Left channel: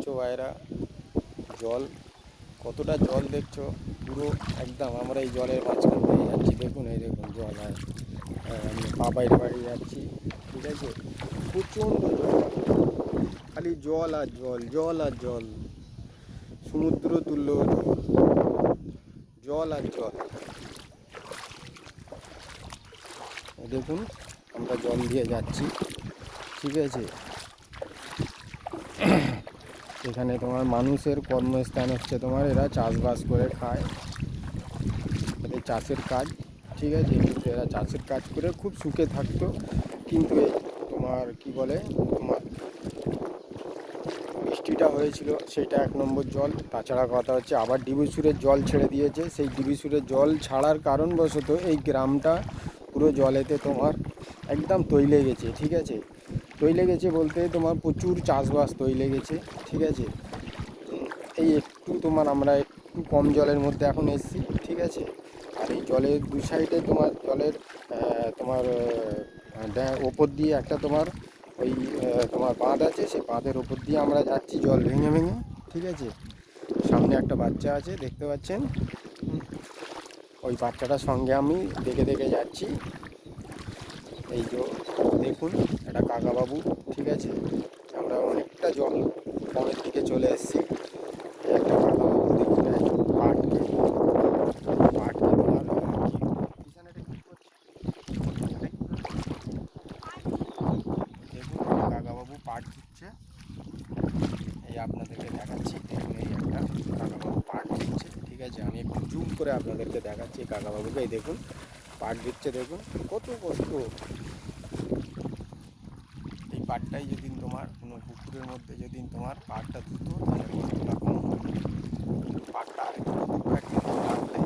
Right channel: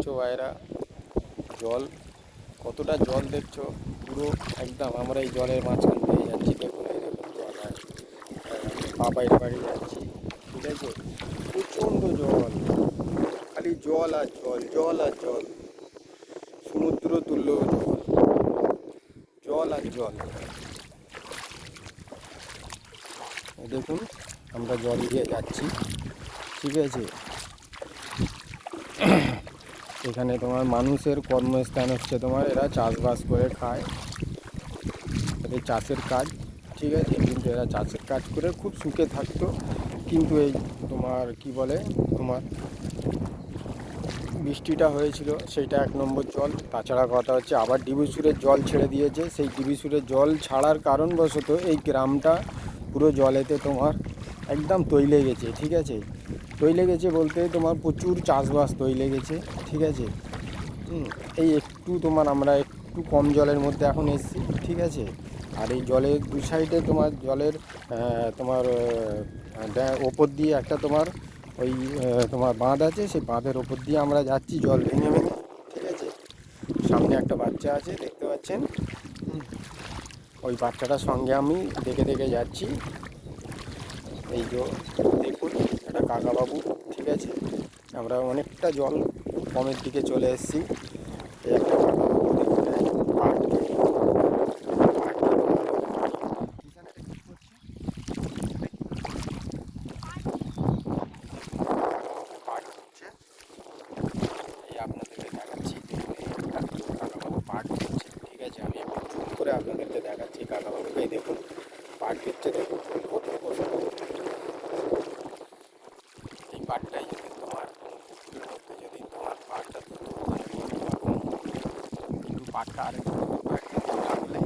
দেখছো ভাইরা, জল কতটা জল দেখছো, পুরো একদম আমরা এই জলের মাঝখান দিয়ে যাচ্ছি। দেখুন এই দেখুন জল, আমরা পা বাইরে বাড়িয়ে যাচ্ছি, ঠিক আছে। প্রচণ্ড জল, খালি জল আর জল, জল আর জল, সমুদ্র তুল্য জল, জল আর জল। দেখুন আমরা জল দিয়ে যাচ্ছি, ঠিক আছে। এখানে তোমার মানুষের কর্মস্থান হচ্ছে তোমার, এরা চাষবাস করে খায়, এদের চাষের কাজ, ঠিক আছে। কিন্তু এরা চাষের কাজ করে খুব সুখে থাকতো। কিন্তু এই তোমার কি বলে, তোমার বৃষ্টিটা হয়েছিল সেইটা এক নম্বর জল। তাছাড়া কথা হচ্ছে আবার ডিবিসুরের জল ছেড়ে দিয়েছে, সেই ডিবিসুরের জল ছাড়ার কারণবশত এই গ্রামটা পুরো জলেতে তোমার একদম তৈলে গেছে, ঠিক আছে। তৈলে গেছে বলতে তোমার প্রচুর চাষবাস তৈলে গেছে, ঠিক আছে। এই একটু তোমার আমরা একটু কম জলের মধ্যে এখন এসেছি, ঠিক আছে। আর এই জলের দু সাইডে তোমার জলের তোমার ওপর দিয়ে একটা তোমার ওই তোমার বাঁধ আছে, সেই বাঁধের ওপর দিয়ে আমরা যাচ্ছি জল ভেঙে ভেঙে, ঠিক আছে। সামনে একটা বাচ্চা আছে দেখতে পাচ্ছেন, ওই বাচ্চাটার সঙ্গে আমি দেখে দেখে যাচ্ছি। এই যে দেখুন একটা কাকাবাবু, ঠিক আছে। আমরা অনেকটা জল কমের দিকে চলে এসেছি। এই একটা কাকাবাবু দেখুন পাটকে পাটকে কিষানেটা কী করছে, কাকাবাবু পাট হচ্ছে, এই আপনাদেরকে দেখাচ্ছি। দেখুন এই একটা কাকাবাবু পাট দিচ্ছে, ঠিক আছে। আমি একটু জুম করে আপনাদেরকে দেখাচ্ছি কাকাবাবুকে। এই দেখুন পাট দিচ্ছে, দেখুন কত কষ্ট। এই পাটটাই যদি তোমার কোনো পুকুরের মধ্যে যদি তোমার পাটটা ধরতো তাহলে কতটা কম হতো। কিন্তু পাটটা আরেকটু একদিকে রাখলে,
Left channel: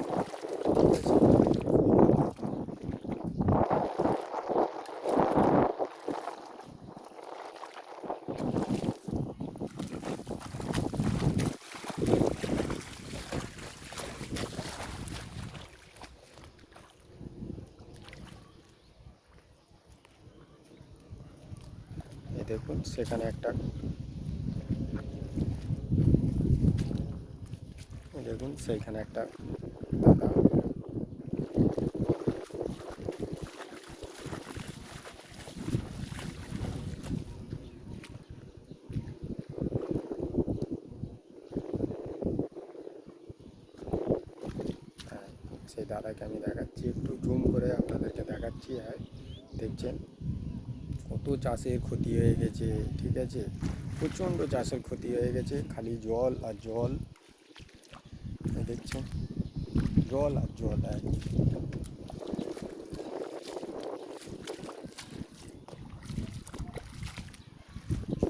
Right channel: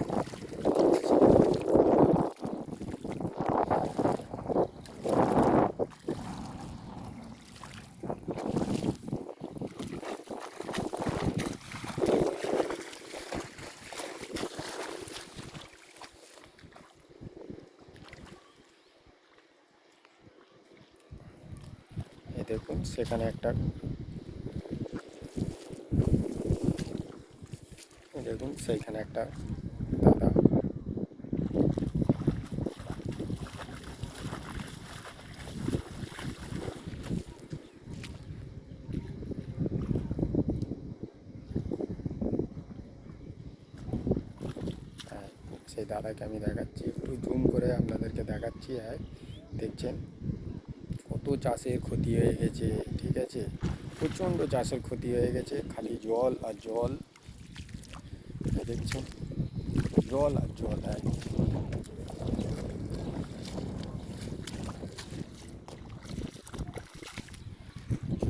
এই দেখুন সেখানে একটা, দেখুন সেইখানে একটা দাদা, হ্যাঁ, সেই দাদাকে আমি দেখাচ্ছি, একটু জুম করে আপনাদেরকে দেখাচ্ছি। হ্যাঁ দেখছেন কত চাষের ক্ষতি হয়ে গেছে, ঠিক আছে। প্রচণ্ড চাষের ক্ষতি হয়ে গেছে, খালি জল আর জল, দেখছেন জল আর জল। হ্যাঁ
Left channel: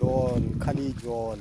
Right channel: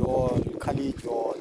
জল, খালি জল।